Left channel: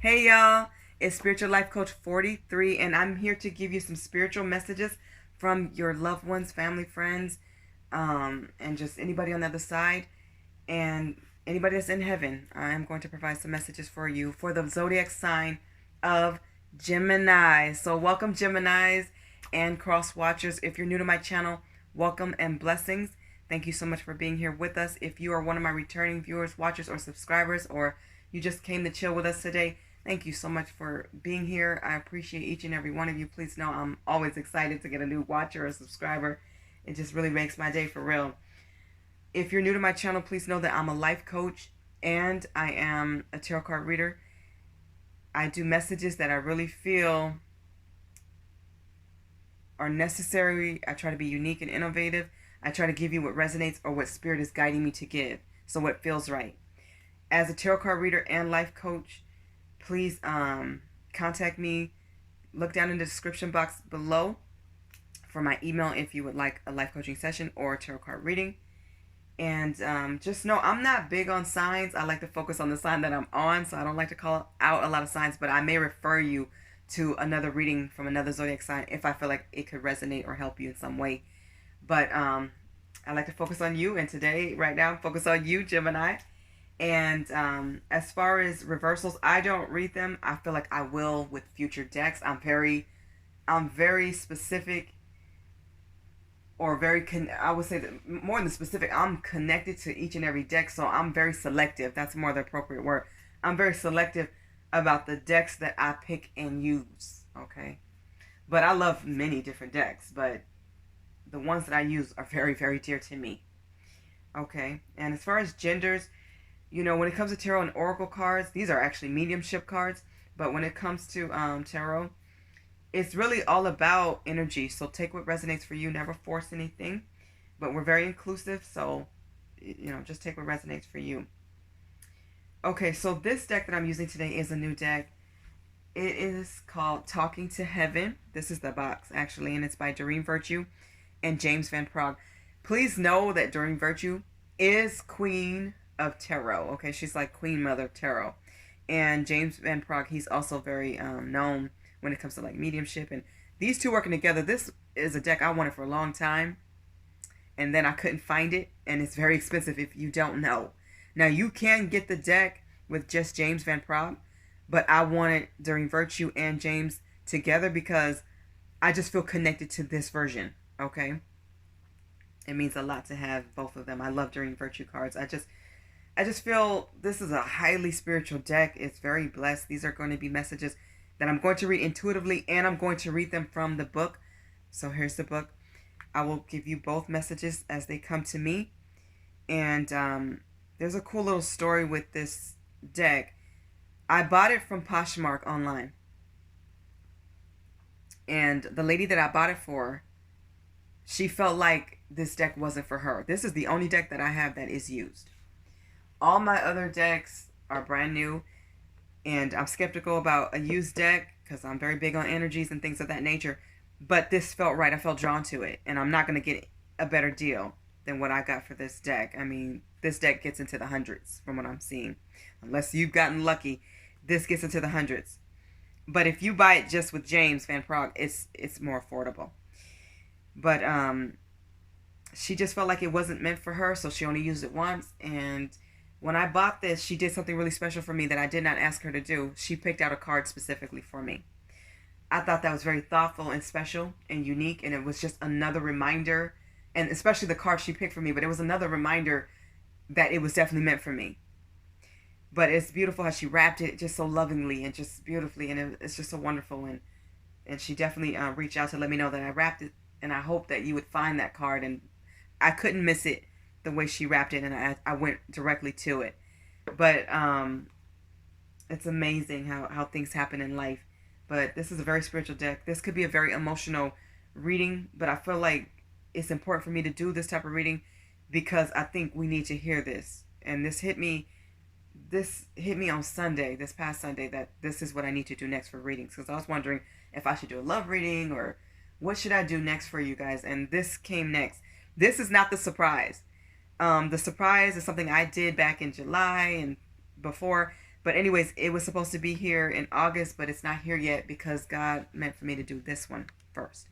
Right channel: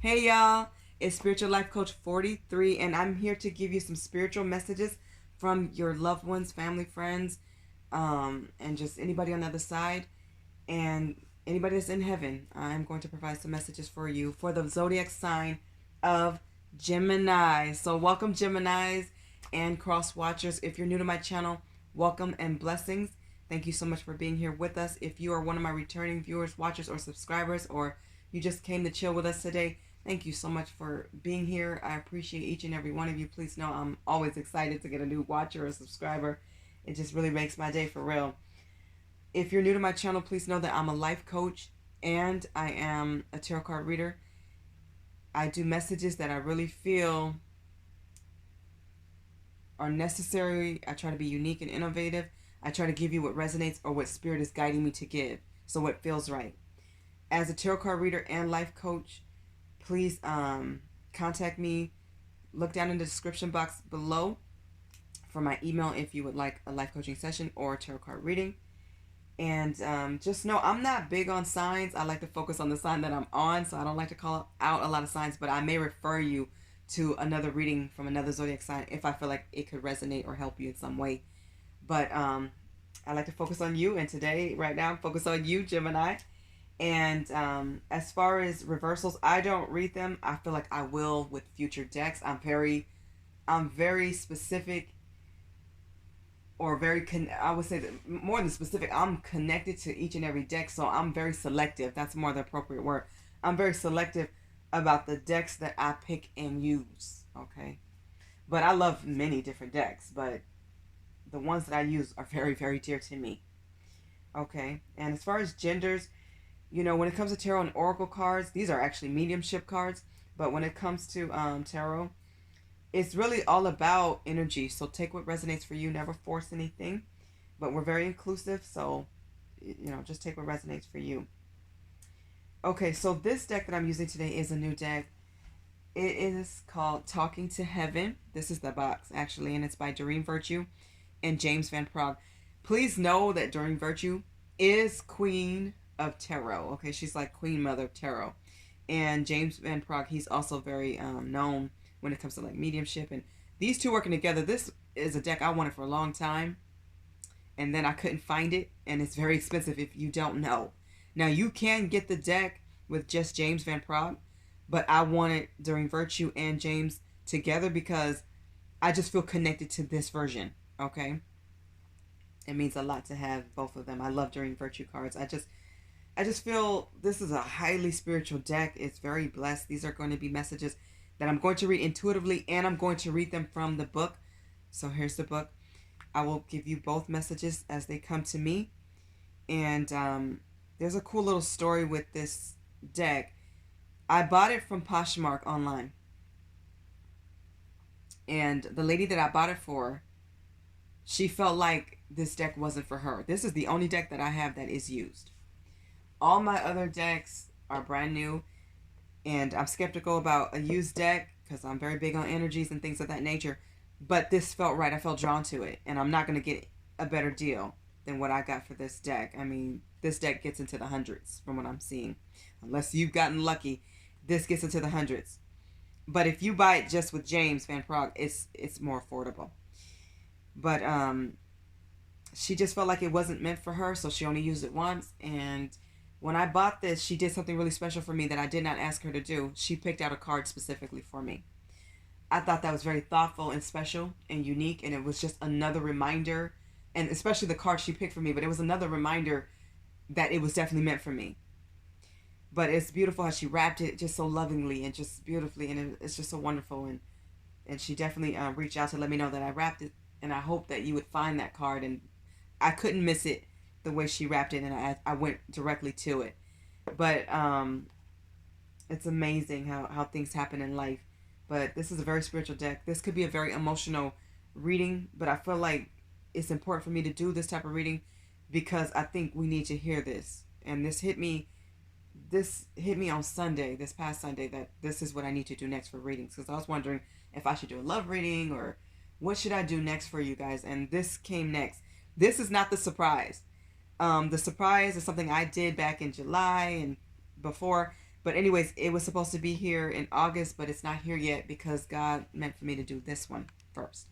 Hey y'all, it's Spiritual Life Coach 43, and I'm here to give you some spiritual messages from your loved ones, family, friends, and just anybody on the other side, and anybody that's in heaven. I'm going to provide some messages for you for the zodiac sign of Gemini. So, welcome, Geminis and cross watchers. If you're new to my channel, welcome and blessings. Thank you so much for being here with us. If you are one of my returning viewers, watchers, or subscribers, or you just came to chill with us today, thank you so much for being here. I appreciate each and every one of you. Please know I'm always excited to get a new watcher or subscriber. It just really makes my day for real. If you're new to my channel, please know that I'm a life coach and I am a tarot card reader. I do messages that I really feel are necessary. I try to be unique and innovative. I try to give you what resonates or what spirit is guiding me to give. So what feels right. As a tarot card reader and life coach, please contact me. Look down in the description box below for my email if you would like a life coaching session or a tarot card reading. And just know I'm not big on signs. I like to focus on the sign that I'm on, so I don't like to call out a lot of signs, but I may refer you to another reading from another zodiac sign if I feel like it could resonate or help you in some way. But I like to focus on you, and today, right now, focus on you, Gemini. And as far as reversals, I don't read them. I feel like I will with future decks. I'm very specific, or I would say that more than specific, I'm connected to each and every deck, so I'm very selective. That's more the appropriate word. I'm very selective about the decks that I pick and use, okay? But I love many different decks, but the ones that I use are very, very dear to me, okay? And as far as genders, when it comes to tarot and oracle cards, these are actually mediumship cards, but when it comes to tarot, it's really all about energy. So take what resonates for you. Never force anything. But we're very inclusive. So, just take what resonates for you. Okay, so this deck that I'm using today is a new deck. It is called Talking to Heaven. This is the box, actually, and it's by Doreen Virtue and James Van Praagh. Please know that Doreen Virtue is Queen of Tarot. Okay, she's like Queen Mother of Tarot. And James Van Praagh, he's also very known when it comes to like mediumship, and these two working together. This is a deck I wanted for a long time, and then I couldn't find it, and it's very expensive if you don't know. Now you can get the deck with just James Van Praagh, but I wanted Doreen Virtue and James together because I just feel connected to this version. Okay, it means a lot to have both of them. I love Doreen Virtue cards. I just feel this is a highly spiritual deck. It's very blessed. These are going to be messages that I'm going to read intuitively, and I'm going to read them from the book. So here's the book. I will give you both messages as they come to me. And there's a cool little story with this deck. I bought it from Poshmark online. And the lady that I bought it for, she felt like this deck wasn't for her. This is the only deck that I have that is used. All my other decks are brand new. And I'm skeptical about a used deck because I'm very big on energies and things of that nature. But this felt right. I felt drawn to it. And I'm not going to get a better deal than what I got for this deck. I mean, this deck gets into the hundreds from what I'm seeing. Unless you've gotten lucky, this gets into the hundreds. But if you buy it just with James Van Praagh, it's more affordable. But she just felt like it wasn't meant for her, so she only used it once. And when I bought this, she did something really special for me that I did not ask her to do. She picked out a card specifically for me. I thought that was very thoughtful and special and unique, and it was just another reminder, and especially the card she picked for me, but it was another reminder that it was definitely meant for me. But it's beautiful how she wrapped it just so lovingly and just beautifully, and it's just so wonderful. And she definitely reached out to let me know that I wrapped it, and I hope that you would find that card. And I couldn't miss it the way she wrapped it, and I went directly to it. But it's amazing how things happen in life. But this is a very spiritual deck. This could be a very emotional reading, but I feel like it's important for me to do this type of reading because I think we need to hear this. And this hit me on Sunday, this past Sunday, that this is what I need to do next for readings, because I was wondering if I should do a love reading or what should I do next for you guys. And this came next. This is not the surprise. The surprise is something I did back in July and before, But anyways, it was supposed to be here in August, but it's not here yet because God meant for me to do this one first.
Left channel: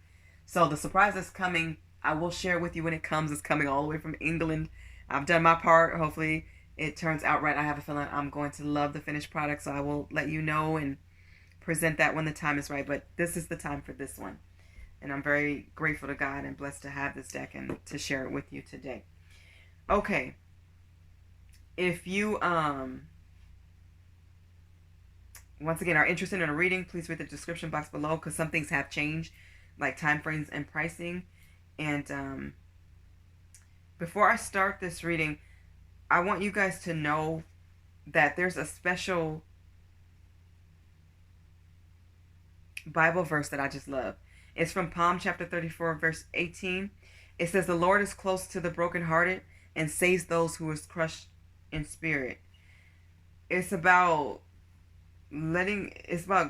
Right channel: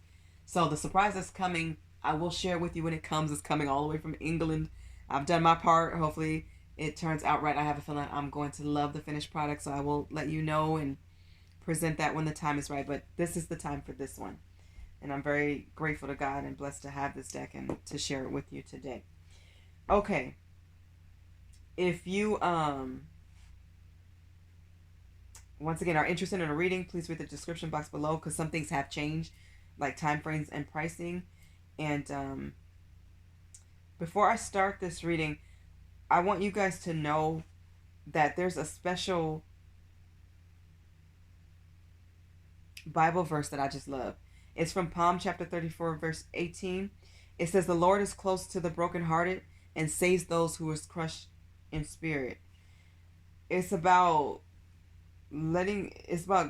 So the surprise is coming. I will share it with you when it comes. It's coming all the way from England. I've done my part. Hopefully it turns out right. I have a feeling I'm going to love the finished product, so I will let you know and present that when the time is right. But this is the time for this one. And I'm very grateful to God and blessed to have this deck and to share it with you today. Okay. If you once again are interested in a reading, please read the description box below because some things have changed, like time frames and pricing. And before I start this reading, I want you guys to know that there's a special Bible verse that I just love. It's from Psalm chapter 34, verse 18. It says, "The Lord is close to the brokenhearted and saves those who is crushed in spirit." It's about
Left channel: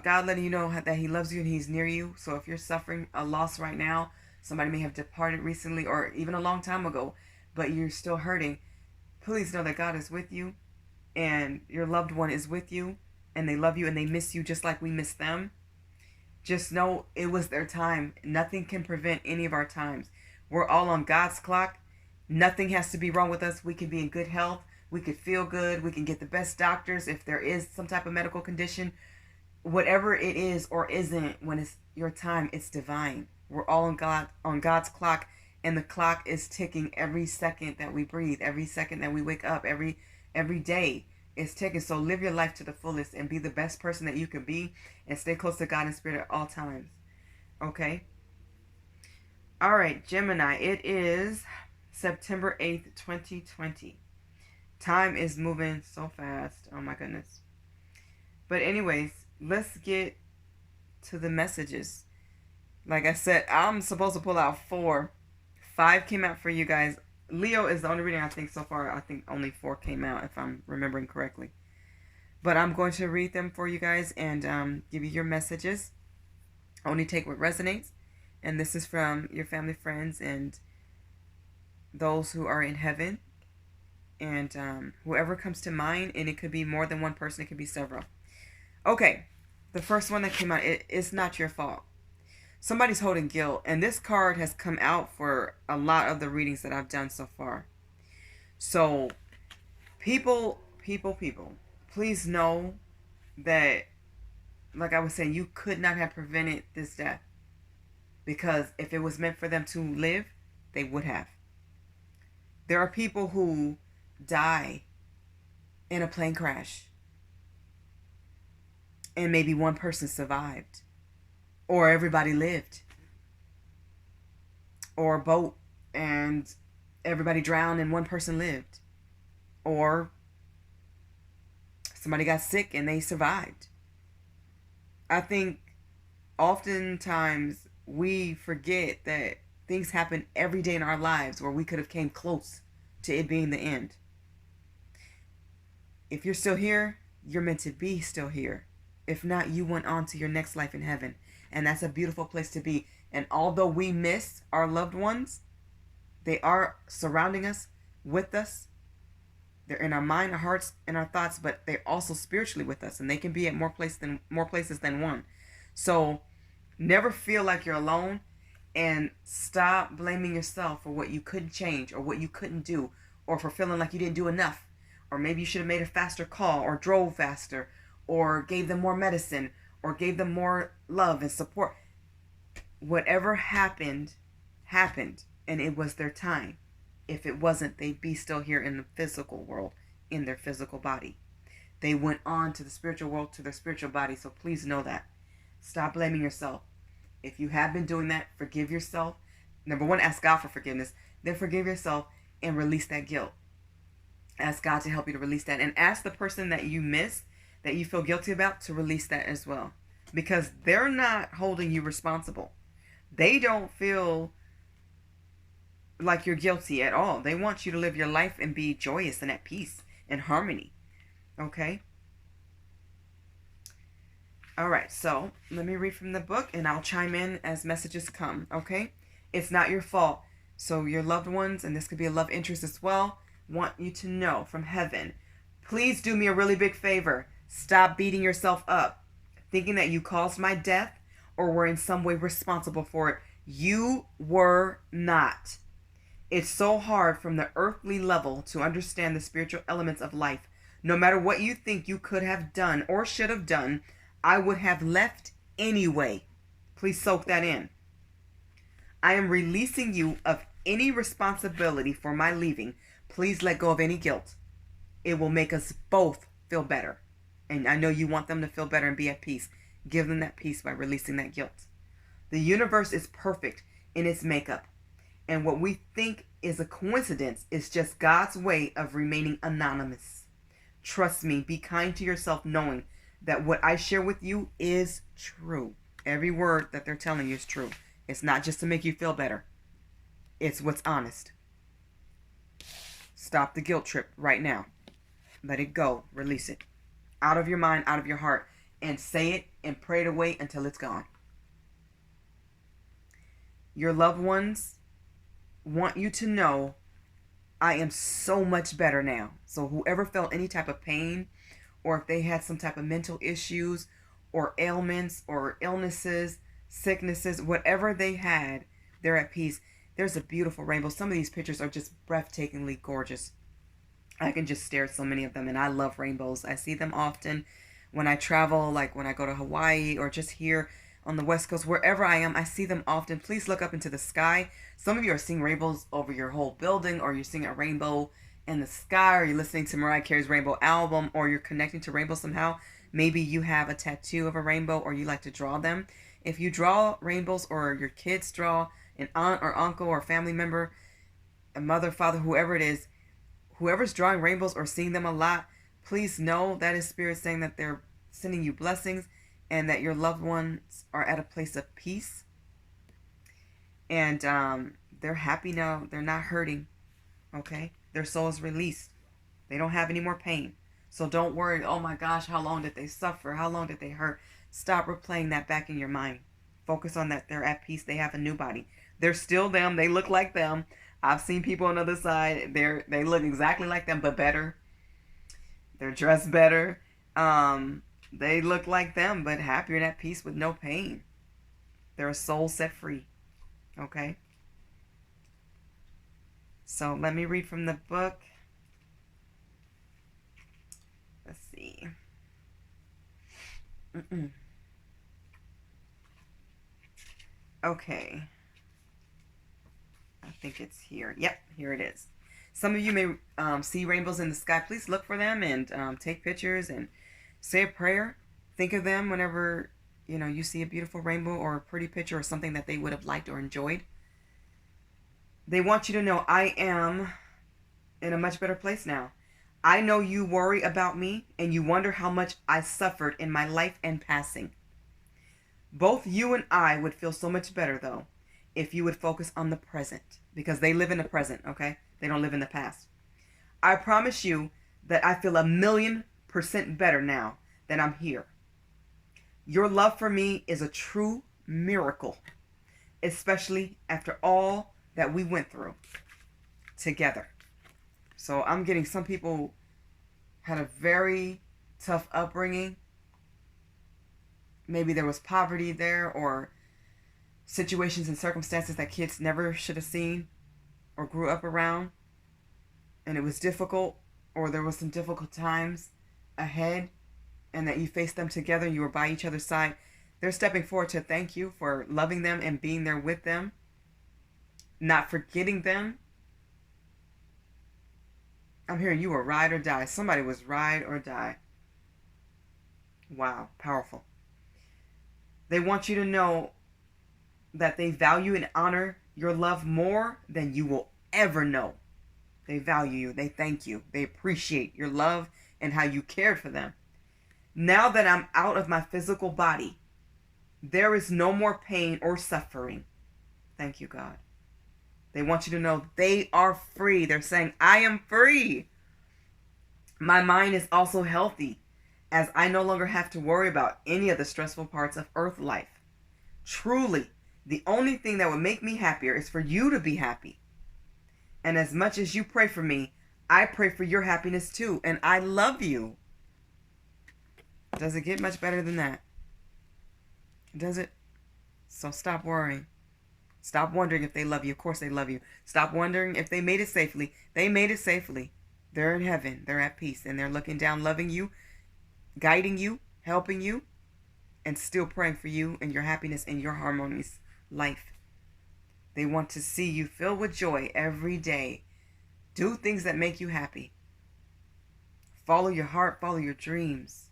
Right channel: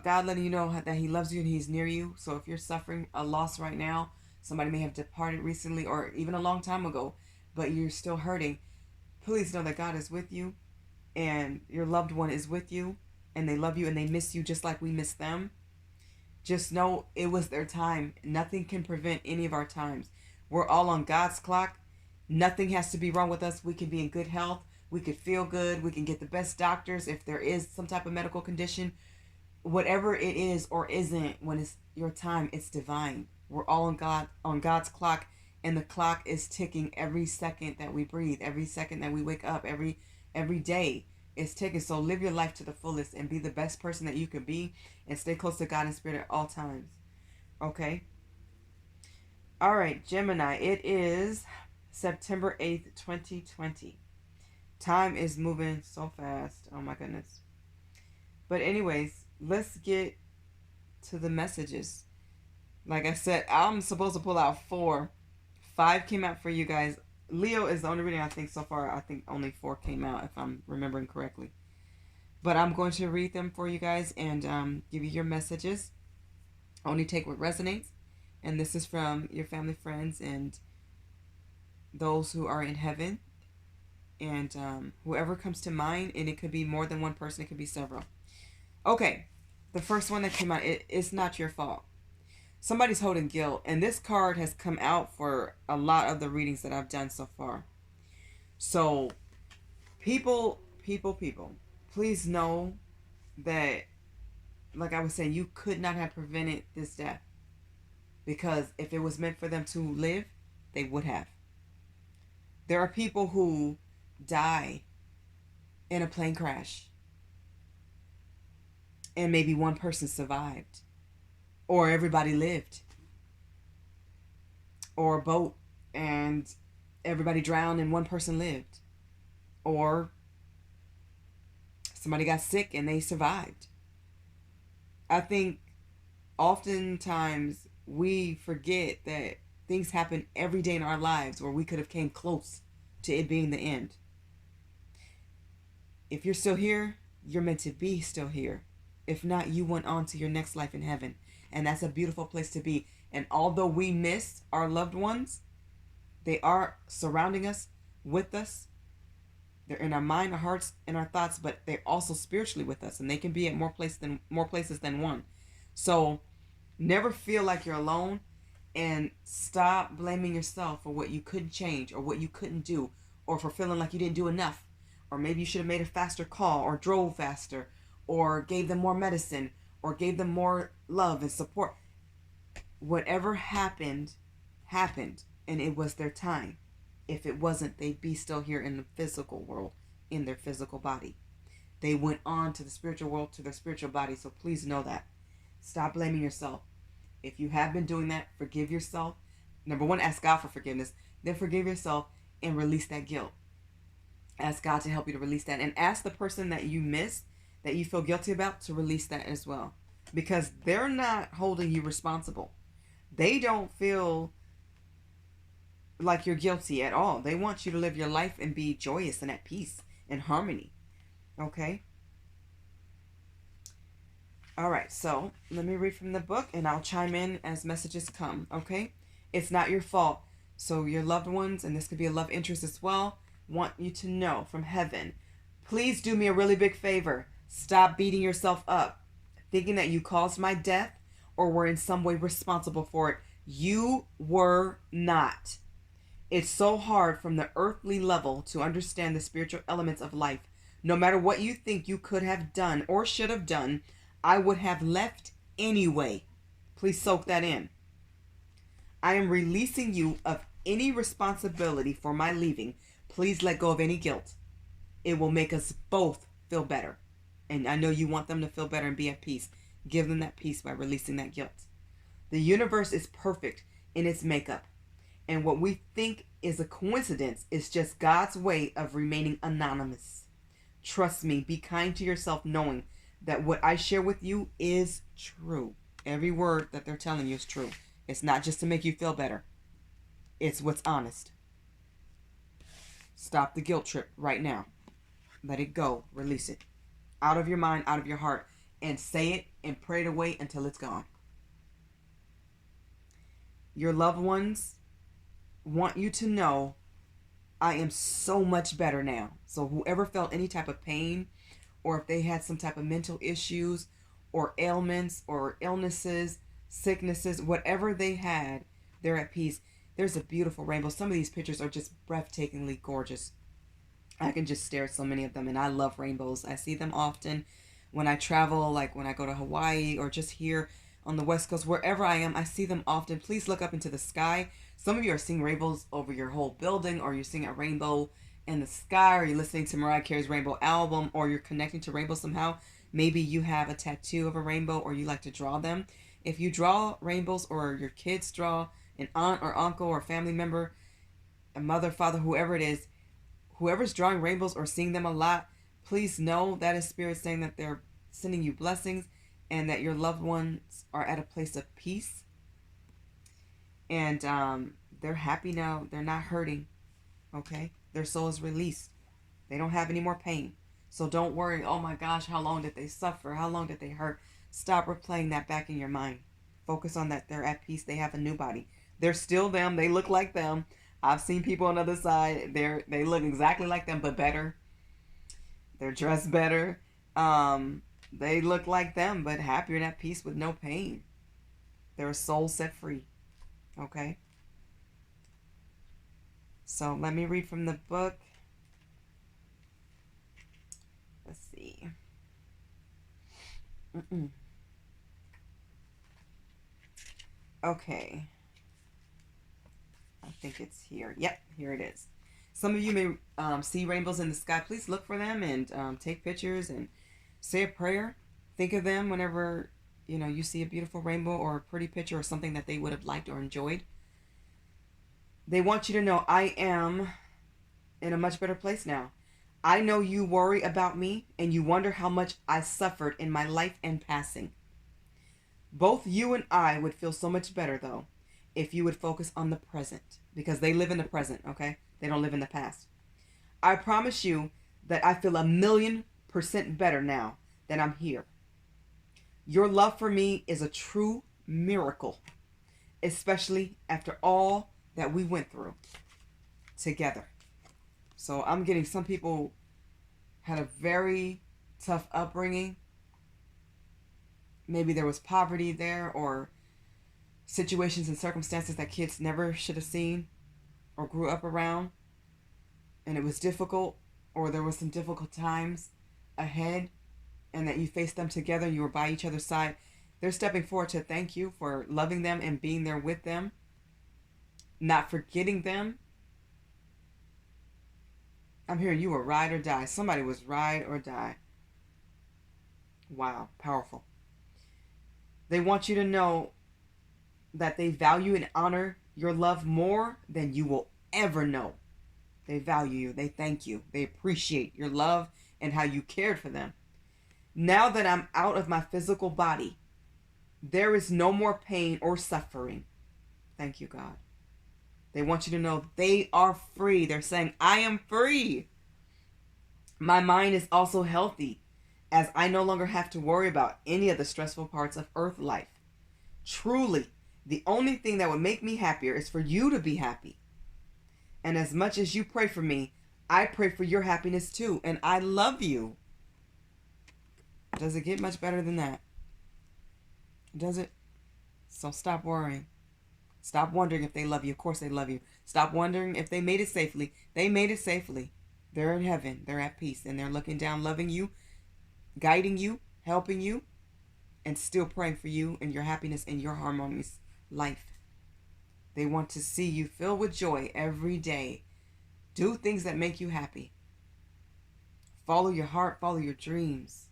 God letting you know that He loves you and He's near you. So if you're suffering a loss right now, somebody may have departed recently or even a long time ago, but you're still hurting, please know that God is with you and your loved one is with you and they love you and they miss you just like we miss them. Just know it was their time. Nothing can prevent any of our times. We're all on God's clock. Nothing has to be wrong with us. We can be in good health. We could feel good. We can get the best doctors if there is some type of medical condition. Whatever it is or isn't, when it's your time, it's divine. We're all on God's clock, and the clock is ticking every second that we breathe, every second that we wake up, every day is ticking. So live your life to the fullest and be the best person that you can be, and stay close to God and Spirit at all times. Okay? All right, Gemini. It is September 8th, 2020. Time is moving so fast. Oh my goodness. But anyways, let's get to the messages. Like I said, I'm supposed to pull out 4. 5 came out for you guys. Leo is the only reading I think so far. I think only 4 came out if I'm remembering correctly. But I'm going to read them for you guys and give you your messages. Only take what resonates. And this is from your family, friends, and those who are in heaven. And whoever comes to mind, and it could be more than one person, it could be several. Okay, the first one that came out, it's not your fault. Somebody's holding guilt, and this card has come out for a lot of the readings that I've done so far. So, people, please know that, like I was saying, you could not have prevented this death. Because if it was meant for them to live, they would have. There are people who die in a plane crash and maybe one person survived, or everybody lived, or a boat and everybody drowned and one person lived, or somebody got sick and they survived. I think oftentimes we forget that things happen every day in our lives where we could have came close to it being the end. If you're still here, you're meant to be still here. If not, you went on to your next life in heaven. And that's a beautiful place to be. And although we miss our loved ones, they are surrounding us, with us. They're in our mind, our hearts, and our thoughts, but they're also spiritually with us. And they can be at more places than one. So never feel like you're alone. And stop blaming yourself for what you couldn't change or what you couldn't do, or for feeling like you didn't do enough. Or maybe you should have made a faster call, or drove faster, or gave them more medicine, or gave them more love and support. Whatever happened, happened, and it was their time. If it wasn't, they'd be still here in the physical world, in their physical body. They went on to the spiritual world, to their spiritual body, so please know that. Stop blaming yourself. If you have been doing that, forgive yourself. Number 1, ask God for forgiveness. Then forgive yourself and release that guilt. Ask God to help you to release that. And ask the person that you miss, that you feel guilty about, to release that as well. Because they're not holding you responsible. They don't feel like you're guilty at all. They want you to live your life and be joyous and at peace and harmony. Okay? All right, so let me read from the book and I'll chime in as messages come, okay? It's not your fault. So your loved ones, and this could be a love interest as well, want you to know from heaven, please do me a really big favor. Stop beating yourself up, thinking that you caused my death or were in some way responsible for it. You were not. It's so hard from the earthly level to understand the spiritual elements of life. No matter what you think you could have done or should have done, I would have left anyway. Please soak that in. I am releasing you of any responsibility for my leaving. Please let go of any guilt. It will make us both feel better. And I know you want them to feel better and be at peace. Give them that peace by releasing that guilt. The universe is perfect in its makeup. And what we think is a coincidence is just God's way of remaining anonymous. Trust me, be kind to yourself knowing that what I share with you is true. Every word that they're telling you is true. It's not just to make you feel better. It's what's honest. Stop the guilt trip right now. Let it go. Release it. Out of your mind, out of your heart. And say it and pray it away until it's gone. Your loved ones want you to know I am so much better now. So whoever felt any type of pain, or if they had some type of mental issues or ailments or illnesses, sicknesses, whatever they had, they're at peace. There's a beautiful rainbow. Some of these pictures are just breathtakingly gorgeous. I can just stare at so many of them, and I love rainbows. I see them often when I travel, like when I go to Hawaii or just here on the West Coast, wherever I am, I see them often. Please look up into the sky. Some of you are seeing rainbows over your whole building, or you're seeing a rainbow in the sky, or you're listening to Mariah Carey's Rainbow album, or you're connecting to rainbows somehow. Maybe you have a tattoo of a rainbow, or you like to draw them. If you draw rainbows, or your kids draw, an aunt or uncle or family member, a mother, father, whoever it is, whoever's drawing rainbows or seeing them a lot, please know that is Spirit saying that they're sending you blessings and that your loved ones are at a place of peace. And they're happy now. They're not hurting. Okay? Their soul is released. They don't have any more pain. So don't worry, oh my gosh, how long did they suffer? How long did they hurt? Stop replaying that back in your mind. Focus on that they're at peace. They have a new body. They're still them. They look like them. I've seen people on the other side. They look exactly like them, but better. They're dressed better. They look like them, but happier and at peace with no pain. They're a soul set free. Okay? So let me read from the book. Let's see. Okay. I think it's here. Yep, here it is. Some of you may see rainbows in the sky. Please look for them and take pictures and say a prayer. Think of them whenever you see a beautiful rainbow or a pretty picture or something that they would have liked or enjoyed. They want you to know I am in a much better place now. I know you worry about me and you wonder how much I suffered in my life and passing. Both you and I would feel so much better, though, if you would focus on the present, because they live in the present, okay? They don't live in the past. I promise you that I feel 1,000,000% better now that I'm here. Your love for me is a true miracle, especially after all that we went through together. So I'm getting some people had a very tough upbringing. Maybe there was poverty there or situations and circumstances that kids never should have seen or grew up around. And it was difficult, or there was some difficult times ahead, and that you faced them together and you were by each other's side. They're stepping forward to thank you for loving them and being there with them, not forgetting them. I'm hearing you were ride or die. Somebody was ride or die. Wow, powerful. They want you to know that they value and honor your love more than you will ever know. They value you. They thank you. They appreciate your love and how you cared for them. Now that I'm out of my physical body, there is no more pain or suffering. Thank you, God. They want you to know they are free. They're saying, I am free. My mind is also healthy, as I no longer have to worry about any of the stressful parts of earth life. Truly, the only thing that would make me happier is for you to be happy. And as much as you pray for me, I pray for your happiness too. And I love you. Does it get much better than that? Does it? So stop worrying. Stop wondering if they love you. Of course they love you. Stop wondering if they made it safely. They made it safely. They're in heaven. They're at peace. And they're looking down, loving you, guiding you, helping you, and still praying for you and your happiness and your harmonious life. They want to see you filled with joy every day. Do things that make you happy. Follow your heart. Follow your dreams.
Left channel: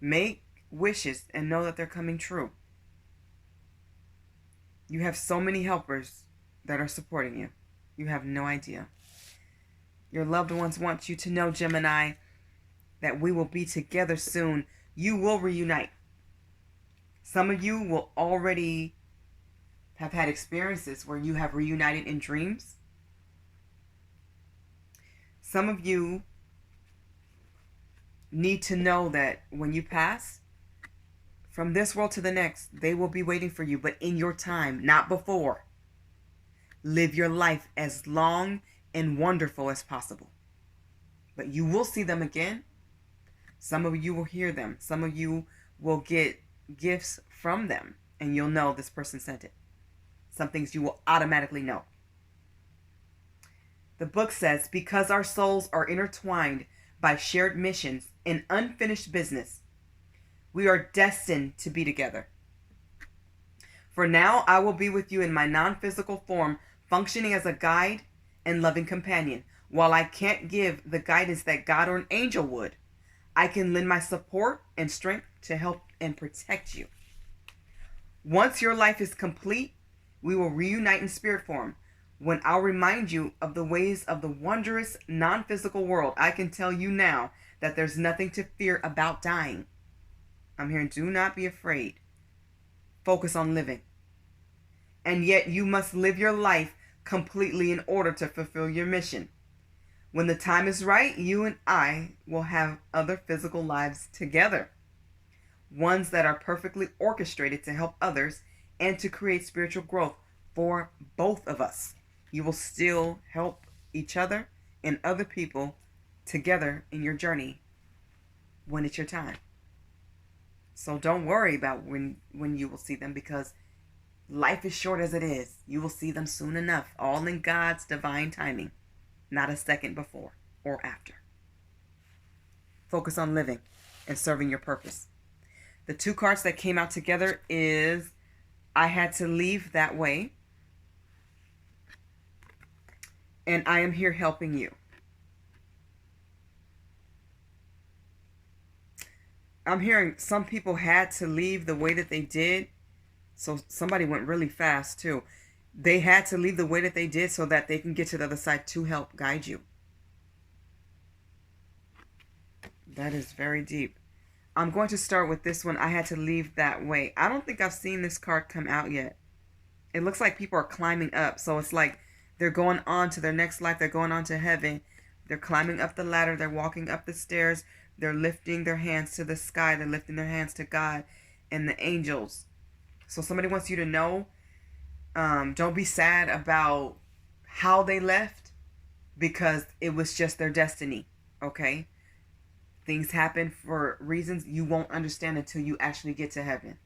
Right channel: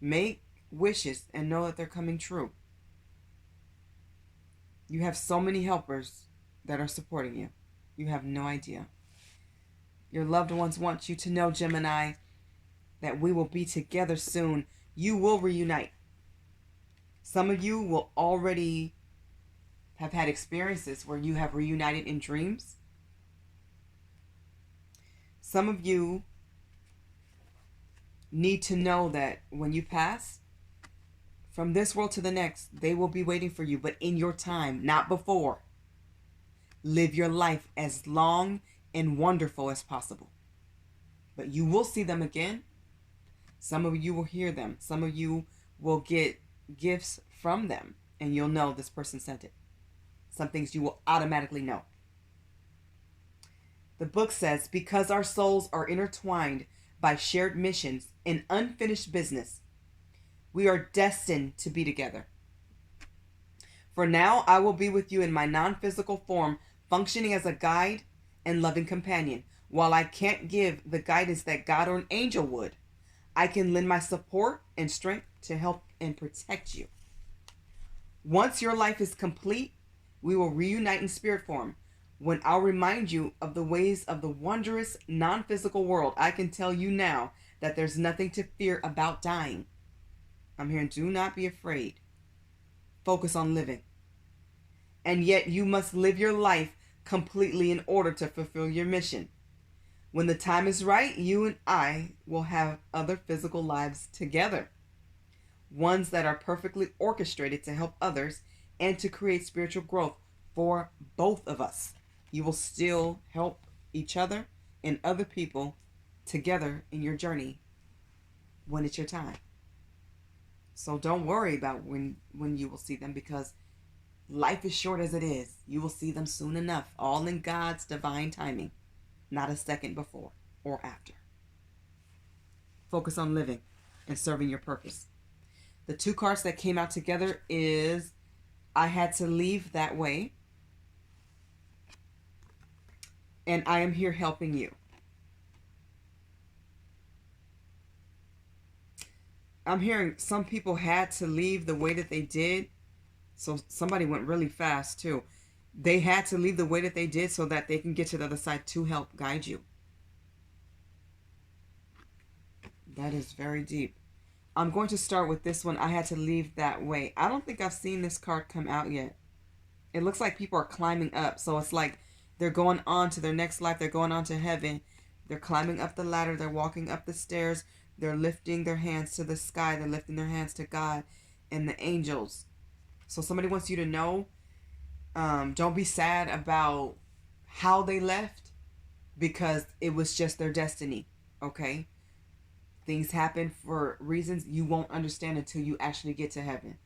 Make wishes and know that they're coming true. You have so many helpers that are supporting you. You have no idea. Your loved ones want you to know, Gemini, that we will be together soon. You will reunite. Some of you will already have had experiences where you have reunited in dreams. Some of you need to know that when you pass, from this world to the next, they will be waiting for you, but in your time, not before. Live your life as long and wonderful as possible. But you will see them again. Some of you will hear them. Some of you will get gifts from them, and you'll know this person sent it. Some things you will automatically know. The book says, because our souls are intertwined by shared missions and unfinished business, we are destined to be together. For now, I will be with you in my non-physical form, functioning as a guide and loving companion. While I can't give the guidance that God or an angel would, I can lend my support and strength to help and protect you. Once your life is complete, we will reunite in spirit form. When I'll remind you of the ways of the wondrous non-physical world, I can tell you now that there's nothing to fear about dying. I'm hearing, do not be afraid. Focus on living. And yet you must live your life completely in order to fulfill your mission. When the time is right, you and I will have other physical lives together. Ones that are perfectly orchestrated to help others and to create spiritual growth for both of us. You will still help each other and other people together in your journey when it's your time. So don't worry about when you will see them, because life is short as it is. You will see them soon enough, all in God's divine timing, not a second before or after. Focus on living and serving your purpose. The two cards that came out together is I had to leave that way, and I am here helping you. I'm hearing some people had to leave the way that they did. So somebody went really fast too. They had to leave the way that they did so that they can get to the other side to help guide you. That is very deep. I'm going to start with this one. I had to leave that way. I don't think I've seen this card come out yet. It looks like people are climbing up. So it's like they're going on to their next life. They're going on to heaven. They're climbing up the ladder. They're walking up the stairs. They're lifting their hands to the sky. They're lifting their hands to God and the angels. So somebody wants you to know, don't be sad about how they left, because it was just their destiny, okay? Things happen for reasons you won't understand until you actually get to heaven.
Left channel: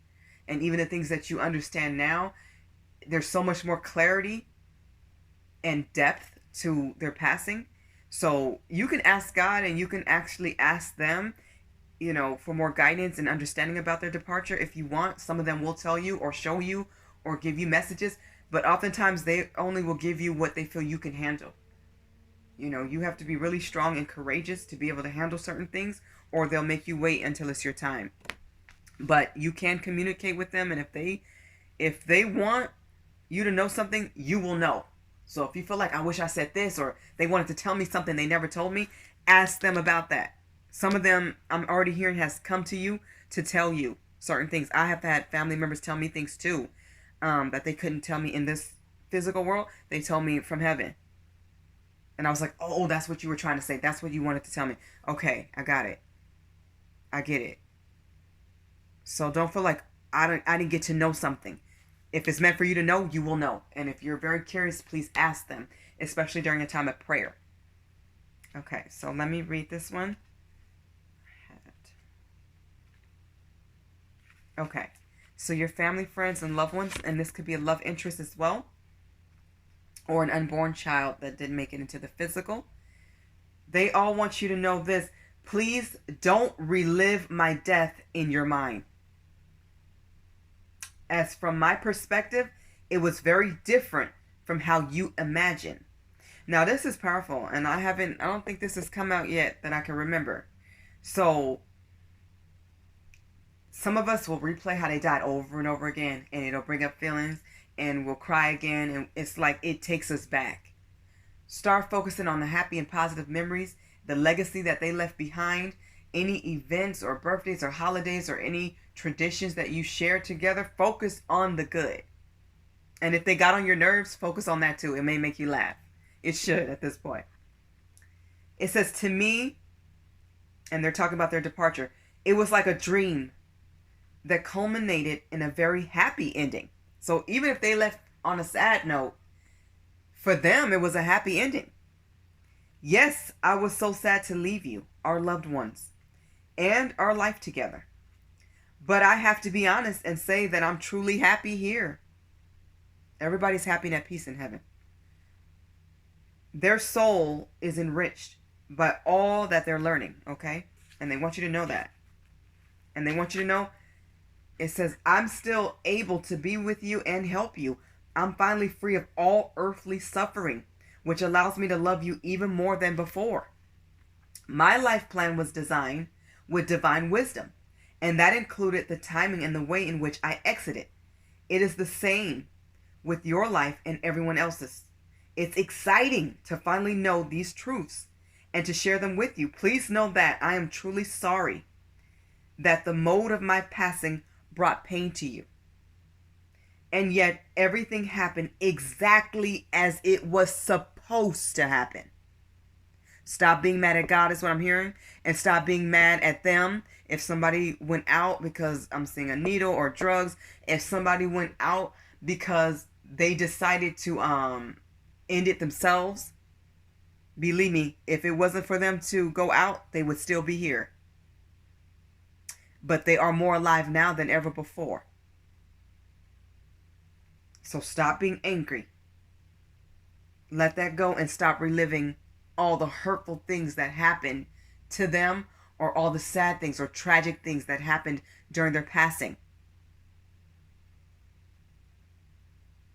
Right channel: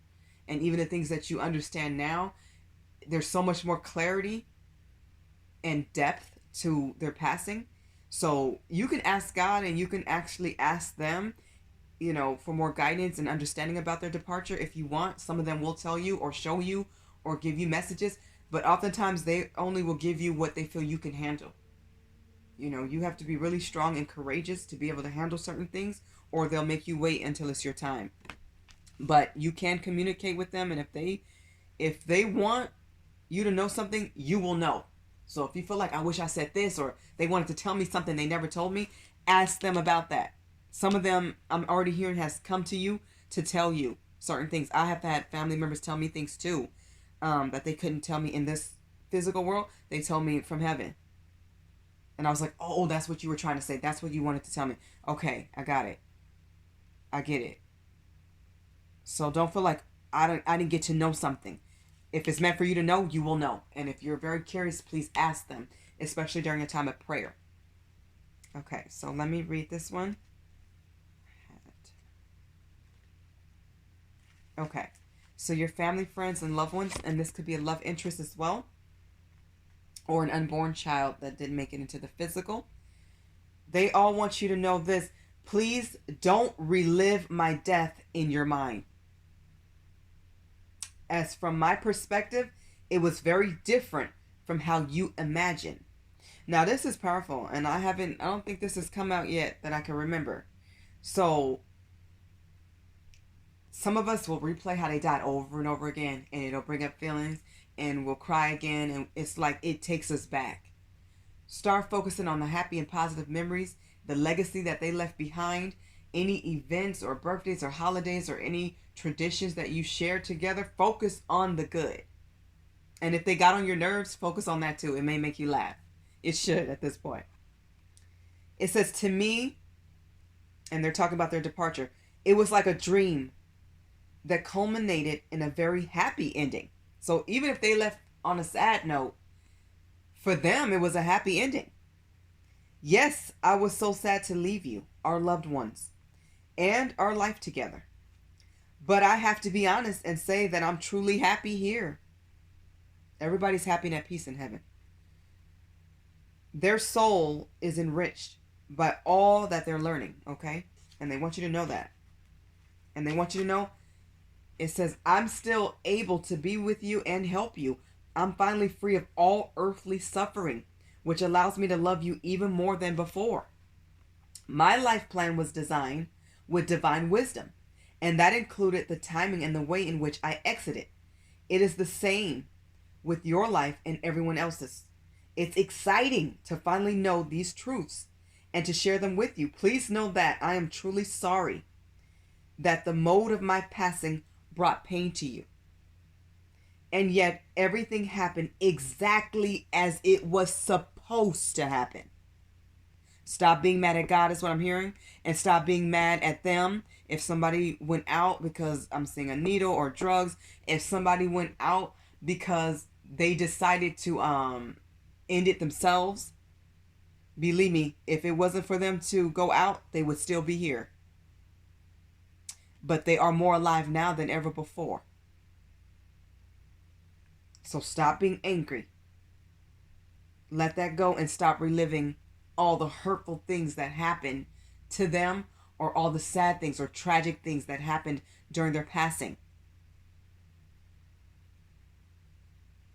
And even the things that you understand now, there's so much more clarity and depth to their passing. So you can ask God, and you can actually ask them, you know, for more guidance and understanding about their departure if you want. Some of them will tell you or show you or give you messages, but oftentimes they only will give you what they feel you can handle. You know, you have to be really strong and courageous to be able to handle certain things, or they'll make you wait until it's your time. But you can communicate with them, and if they want you to know something, you will know. So if you feel like, I wish I said this, or they wanted to tell me something they never told me, ask them about that. Some of them, I'm already hearing, has come to you to tell you certain things. I have had family members tell me things too, that they couldn't tell me in this physical world. They told me from heaven. And I was like, oh, that's what you were trying to say. That's what you wanted to tell me. Okay, I got it. I get it. So don't feel like I didn't get to know something. If it's meant for you to know, you will know. And if you're very curious, please ask them, especially during a time of prayer. Okay, so let me read this one. Okay. So your family, friends, and loved ones, and this could be a love interest as well, or an unborn child that didn't make it into the physical. They all want you to know this. Please don't relive my death in your mind. As from my perspective, it was very different from how you imagine. Now this is powerful, and I don't think this has come out yet that I can remember. So some of us will replay how they died over and over again, and it'll bring up feelings, and we'll cry again, and it's like it takes us back. Start focusing on the happy and positive memories, the legacy that they left behind, any events or birthdays or holidays or any traditions that you shared together. Focus on the good. And if they got on your nerves, focus on that too. It may make you laugh. It should at this point. It says, to me, and they're talking about their departure, it was like a dream that culminated in a very happy ending. So even if they left on a sad note, for them, it was a happy ending. Yes, I was so sad to leave you, our loved ones, and our life together. But I have to be honest and say that I'm truly happy here. Everybody's happy and at peace in heaven. Their soul is enriched by all that they're learning, okay? And they want you to know that. And they want you to know, it says, I'm still able to be with you and help you. I'm finally free of all earthly suffering, which allows me to love you even more than before. My life plan was designed with divine wisdom, and that included the timing and the way in which I exited. It is the same with your life and everyone else's. It's exciting to finally know these truths and to share them with you. Please know that I am truly sorry that the mode of my passing brought pain to you. And yet everything happened exactly as it was supposed to happen. Stop being mad at God is what I'm hearing. And stop being mad at them. If somebody went out because I'm seeing a needle or drugs. If somebody went out because they decided to end it themselves. Believe me, if it wasn't for them to go out, they would still be here. But they are more alive now than ever before. So stop being angry. Let that go and stop reliving all the hurtful things that happened to them, or all the sad things or tragic things that happened during their passing.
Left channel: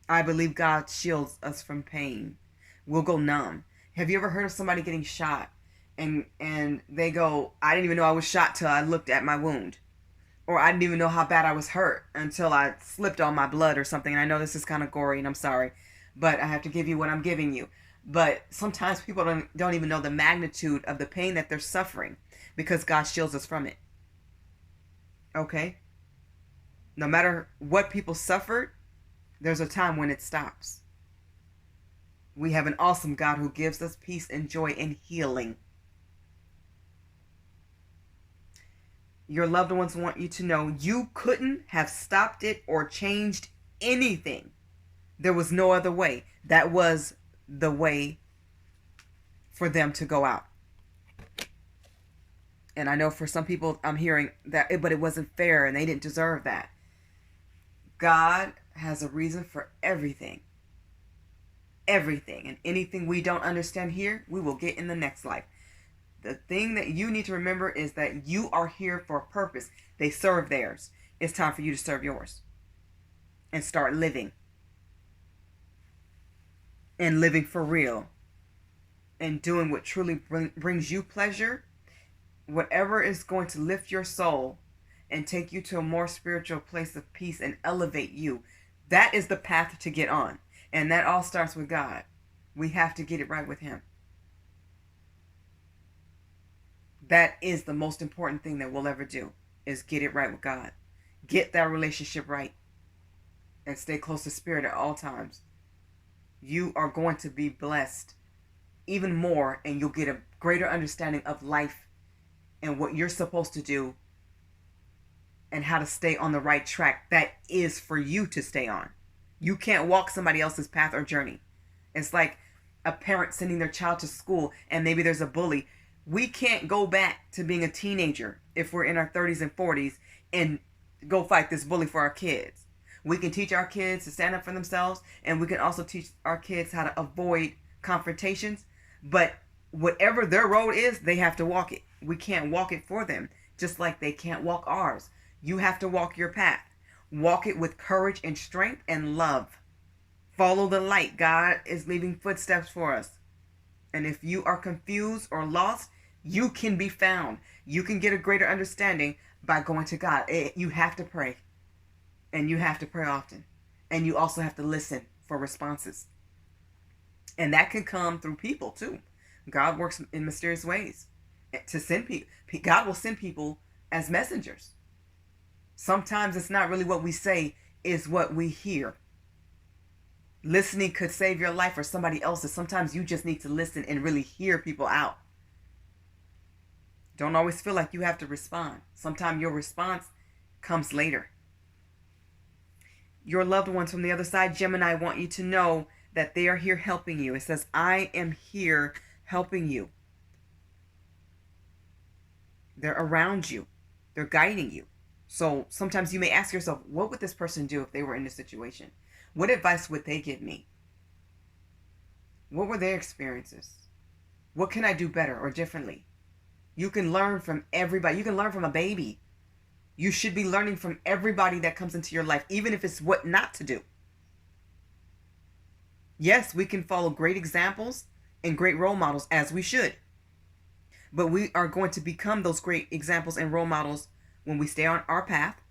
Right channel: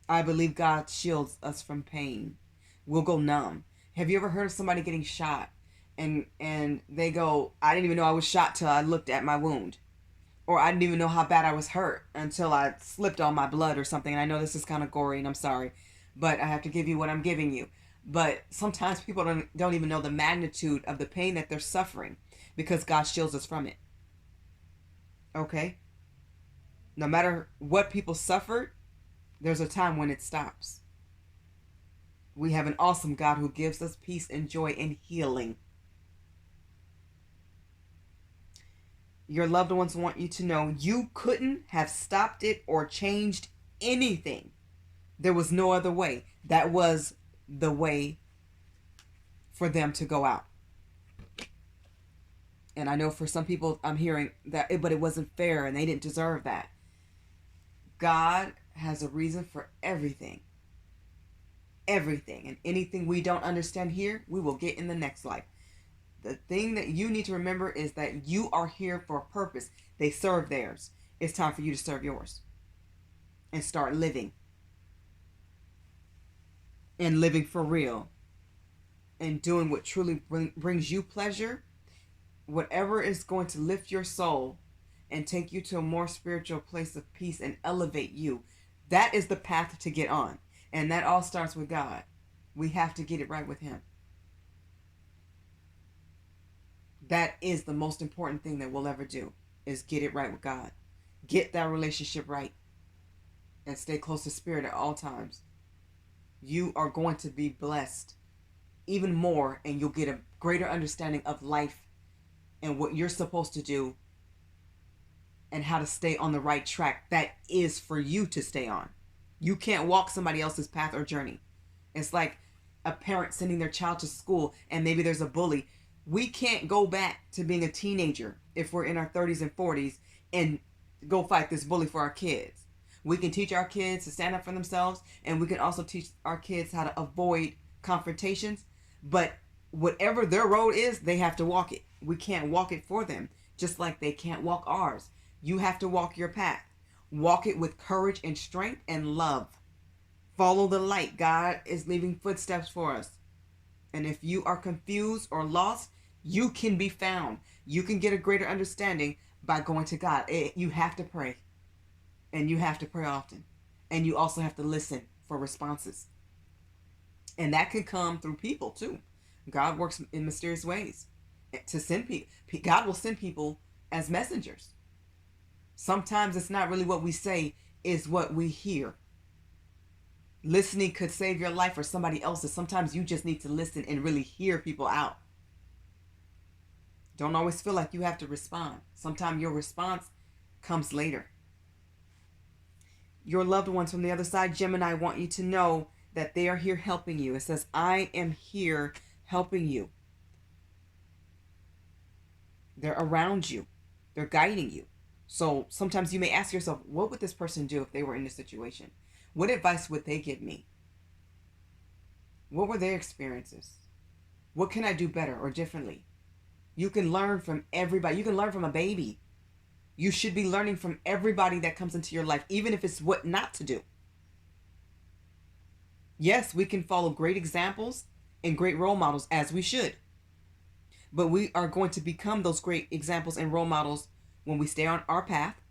I believe God shields us from pain. We'll go numb. Have you ever heard of somebody getting shot and they go, I didn't even know I was shot till I looked at my wound. Or I didn't even know how bad I was hurt until I slipped on my blood or something. And I know this is kind of gory and I'm sorry, but I have to give you what I'm giving you. But sometimes people don't even know the magnitude of the pain that they're suffering because God shields us from it. Okay? No matter what people suffered, there's a time when it stops. We have an awesome God who gives us peace and joy and healing. Your loved ones want you to know you couldn't have stopped it or changed anything. There was no other way. That was the way for them to go out. And I know for some people I'm hearing that, but it wasn't fair and they didn't deserve that. God has a reason for everything. Everything. And anything we don't understand here, we will get in the next life. The thing that you need to remember is that you are here for a purpose. They serve theirs. It's time for you to serve yours. And start living. And living for real. And doing what truly brings you pleasure. Whatever is going to lift your soul and take you to a more spiritual place of peace and elevate you. That is the path to get on. And that all starts with God. We have to get it right with Him. That is the most important thing that we'll ever do, is get it right with God. Get that relationship right. And stay close to Spirit at all times. You are going to be blessed even more, and you'll get a greater understanding of life and what you're supposed to do and how to stay on the right track that is for you to stay on. You can't walk somebody else's path or journey. It's like a parent sending their child to school and maybe there's a bully. We can't go back to being a teenager if we're in our 30s and 40s and go fight this bully for our kids. We can teach our kids to stand up for themselves, and we can also teach our kids how to avoid confrontations. But whatever their road is, they have to walk it. We can't walk it for them, just like they can't walk ours. You have to walk your path. Walk it with courage and strength and love. Follow the light. God is leaving footsteps for us. And if you are confused or lost, you can be found. You can get a greater understanding by going to God. You have to pray. And you have to pray often. And you also have to listen for responses. And that can come through people too. God works in mysterious ways to send people. God will send people as messengers. Sometimes it's not really what we say, is what we hear. Listening could save your life or somebody else's. Sometimes you just need to listen and really hear people out. Don't always feel like you have to respond. Sometimes your response comes later. Your loved ones from the other side, Gemini, want you to know that they are here helping you. It says, I am here helping you. They're around you. They're guiding you. So sometimes you may ask yourself, what would this person do if they were in this situation? What advice would they give me? What were their experiences? What can I do better or differently? You can learn from everybody. You can learn from a baby. You should be learning from everybody that comes into your life, even if it's what not to do. Yes, we can follow great examples and great role models, as we should. But we are going to become those great examples and role models when we stay on our path,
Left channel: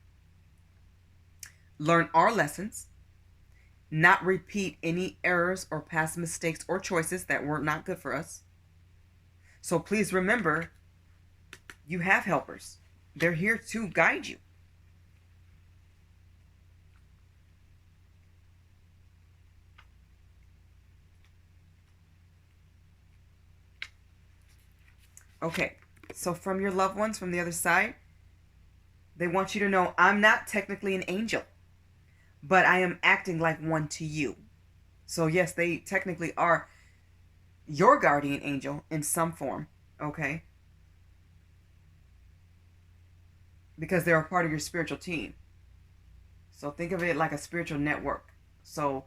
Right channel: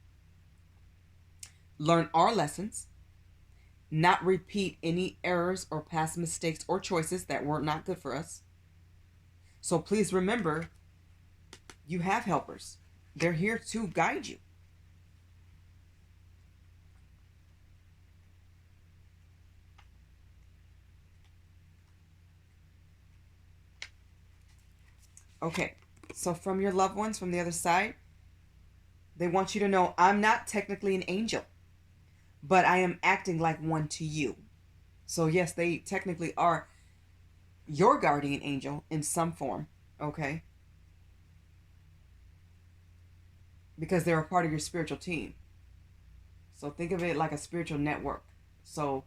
learn our lessons, not repeat any errors or past mistakes or choices that were not good for us. So please remember, you have helpers. They're here to guide you. Okay, so from your loved ones from the other side, they want you to know, I'm not technically an angel, but I am acting like one to you. So yes, they technically are your guardian angel in some form, okay? Because they're a part of your spiritual team. So think of it like a spiritual network. So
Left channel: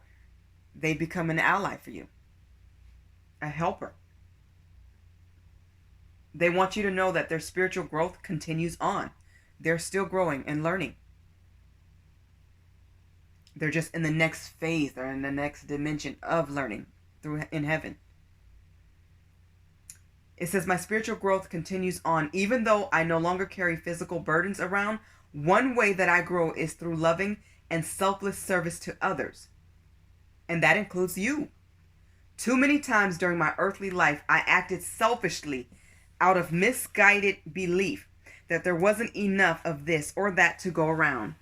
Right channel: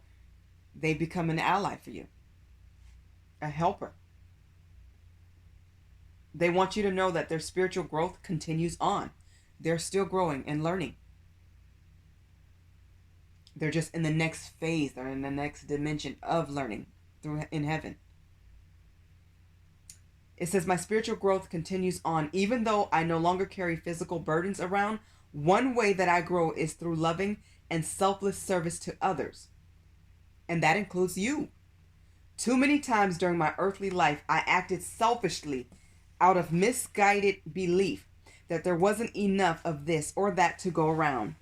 they become an ally for you, a helper. They want you to know that their spiritual growth continues on. They're still growing and learning. They're just in the next phase. They're in the next dimension of learning in heaven. It says, my spiritual growth continues on. Even though I no longer carry physical burdens around, one way that I grow is through loving and selfless service to others. And that includes you. Too many times during my earthly life, I acted selfishly out of misguided belief that there wasn't enough of this or that to go around.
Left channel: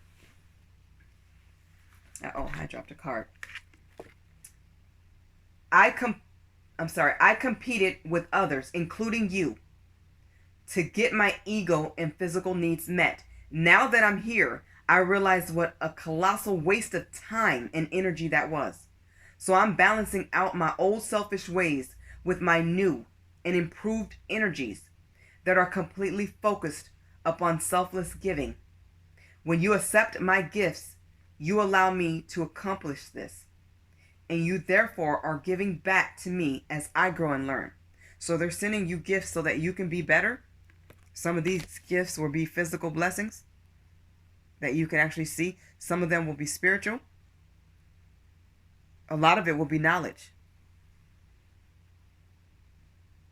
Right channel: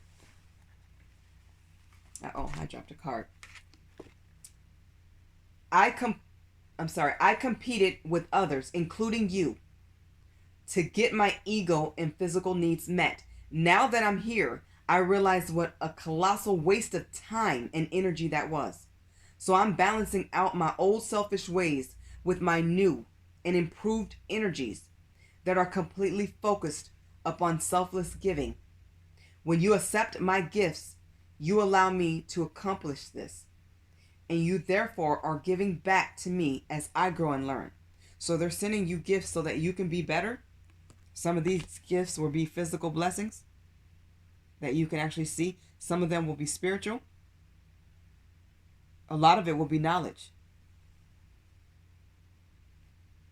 Uh-oh, I dropped a card. I competed with others, including you, to get my ego and physical needs met. Now that I'm here, I realize what a colossal waste of time and energy that was. So I'm balancing out my old selfish ways with my new and improved energies that are completely focused upon selfless giving. When you accept my gifts, you allow me to accomplish this. And you therefore are giving back to me as I grow and learn. So they're sending you gifts so that you can be better. Some of these gifts will be physical blessings that you can actually see. Some of them will be spiritual. A lot of it will be knowledge.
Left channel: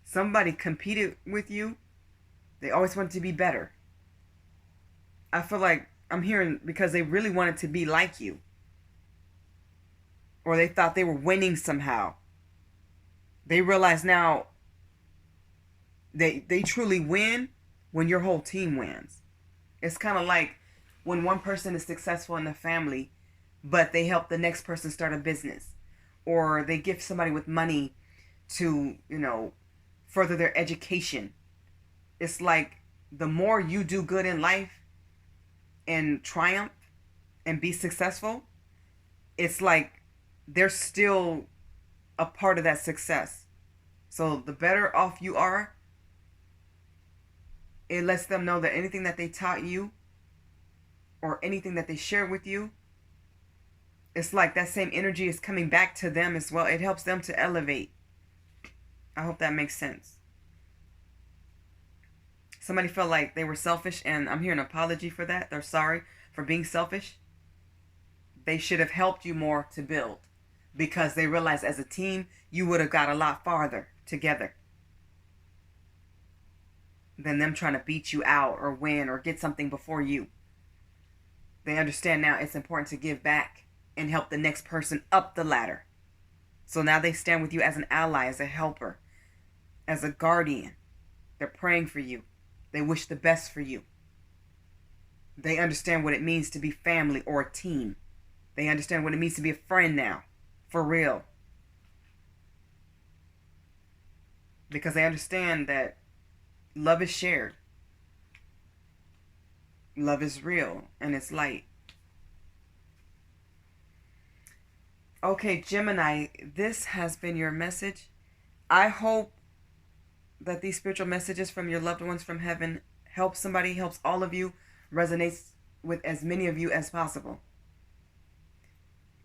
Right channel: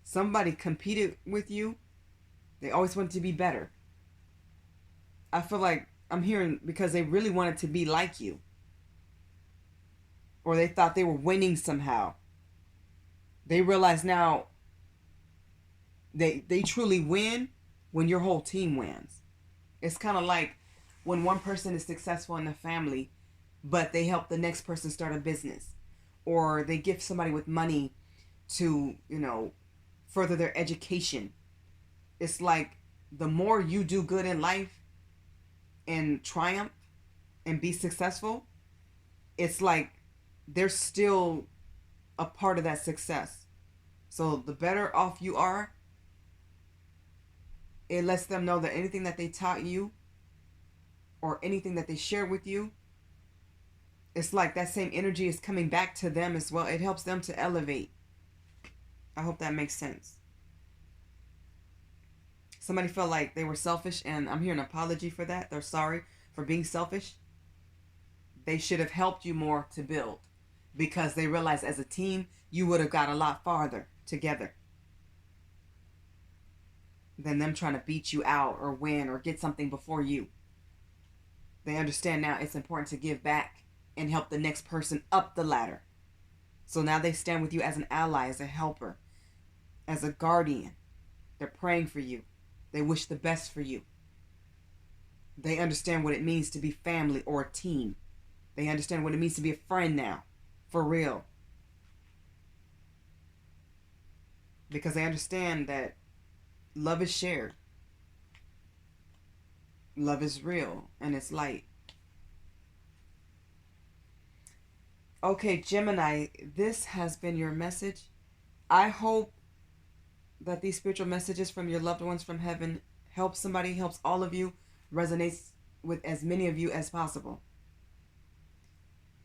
Somebody competed with you. They always wanted to be better. I feel like I'm hearing because they really wanted to be like you. Or they thought they were winning somehow. They realize now they truly win when your whole team wins. It's kind of like when one person is successful in the family, but they help the next person start a business. Or they give somebody with money to, further their education. It's like the more you do good in life and triumph and be successful, it's like they're still a part of that success. So the better off you are, it lets them know that anything that they taught you, or anything that they share with you, it's like that same energy is coming back to them as well. It helps them to elevate. I hope that makes sense. Somebody felt like they were selfish, and I'm hearing an apology for that. They're sorry for being selfish. They should have helped you more to build, because they realized as a team, you would have got a lot farther together than them trying to beat you out or win or get something before you. They understand now it's important to give back and help the next person up the ladder. So now they stand with you as an ally, as a helper, as a guardian. They're praying for you. They wish the best for you. They understand what it means to be family or a team. They understand what it means to be a friend now, for real. Because they understand that love is shared. Love is real, and it's light. Okay, Gemini, this has been your message. I hope that these spiritual messages from your loved ones from heaven help somebody, helps all of you, resonates with as many of you as possible.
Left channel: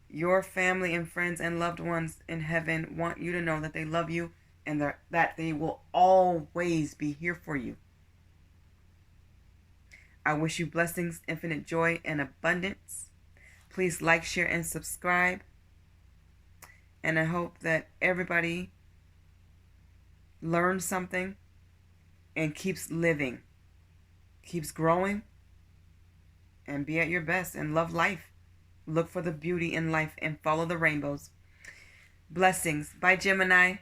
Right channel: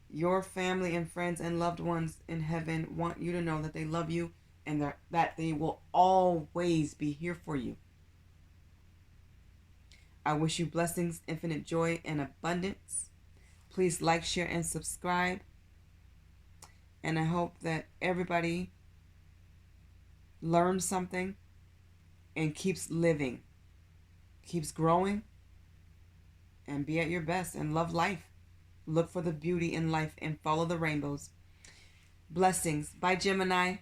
Your family and friends and loved ones in heaven want you to know that they love you and that they will always be here for you. I wish you blessings, infinite joy, and abundance. Please like, share, and subscribe. And I hope that everybody learns something and keeps living, keeps growing, and be at your best and love life. Look for the beauty in life and follow the rainbows. Blessings. Bye, Gemini.